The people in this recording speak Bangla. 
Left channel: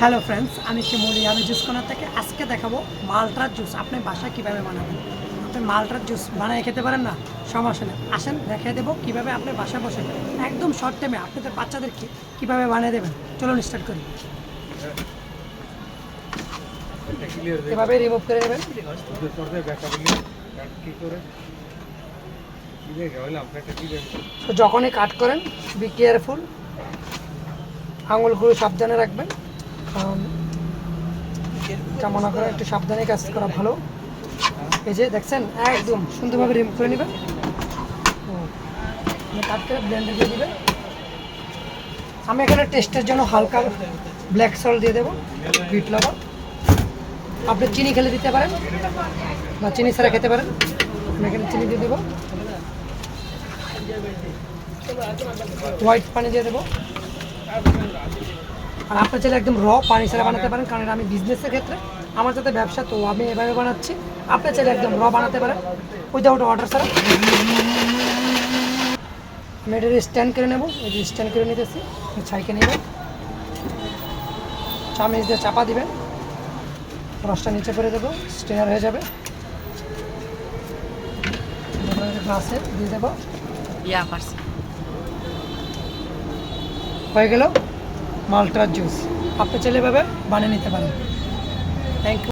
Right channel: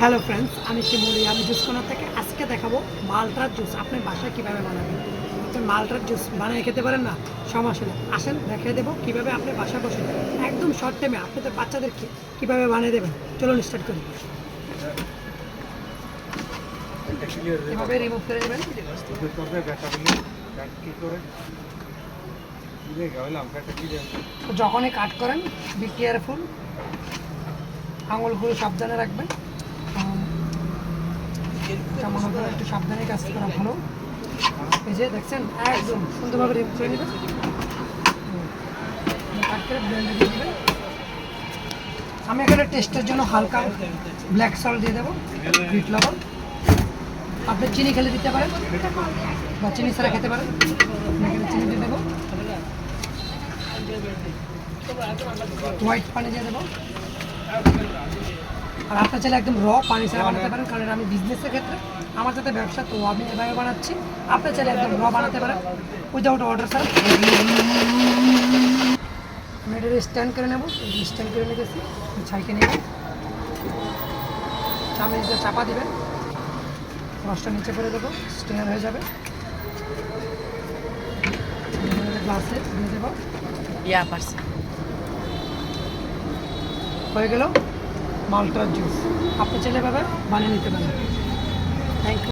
হ্যালো ফ্রেন্ডস, আমি শিমুলি, আমি জুস কর্নার থেকে আজকে দেখাবো মালটার জুস আপনি বাসায় কীভাবে বানাবেন। আপনি মালটার জুস বানিয়ে খেতে পারেন না, সমস্যা নেই, আসেন দেখিয়ে দেবো কীভাবে আপনি বাসায় বসে একদম শর্ট টাইমে আপনাদের বাচ্চাদেরকে কীভাবে বানিয়ে দেবেন। চলুন স্টার্ট করি। এভাবে রিমুভ করে নেবেন। তো যখনই কাট করেন বি কেয়ারফুল, আঙুলগুলো সাবধানে রাখবেন, কেমন করে একটু সাবধানে কাজ করা ভালো। এই যে দেখছেন একদম সুন্দরভাবে রিমুভ করে নেবেন, কাটতে ব্লেন্ডে দিয়ে দেবেন। আমি এখানে টেস্টের জন্য হালকা ব্ল্যাক সল্ট দিয়ে দেবো, বিট লবণ। আপনি চিনি খেলে দিতে পারেন বা চিনি ছাড়া খেতে পারেন। আমি এখানে চিনি দিয়ে দেবো, হোয়াইট পানি দিয়ে দেবো। আর আপনার চাইলে একদম র পানি ছাড়া বানাতে পারেন, কারণ আমি বিজনেসের ক্ষেত্রে আমার যাতে ব্যবসা, তো আমি এভাবে বানাচ্ছি। আপনার চাইলে একদম র বানাতে পারেন উইদাউট ওয়াটার ছাড়া। আমি এটা স্ট্যান্ড করে নেবো, এই স্ট্যান্ড করে নিতেছি। ছাইকে নেবেন, চামচ দিয়ে চাপা দিবেন, রসটা নিচে করে দেবো, স্টেনার হয়ে যাবে। গ্লাসে দিয়ে দেবো, হয়ে গেল মালটার জুস। আপনি চাইলে এভাবে বানিয়ে নিতে পারেন। Thank you.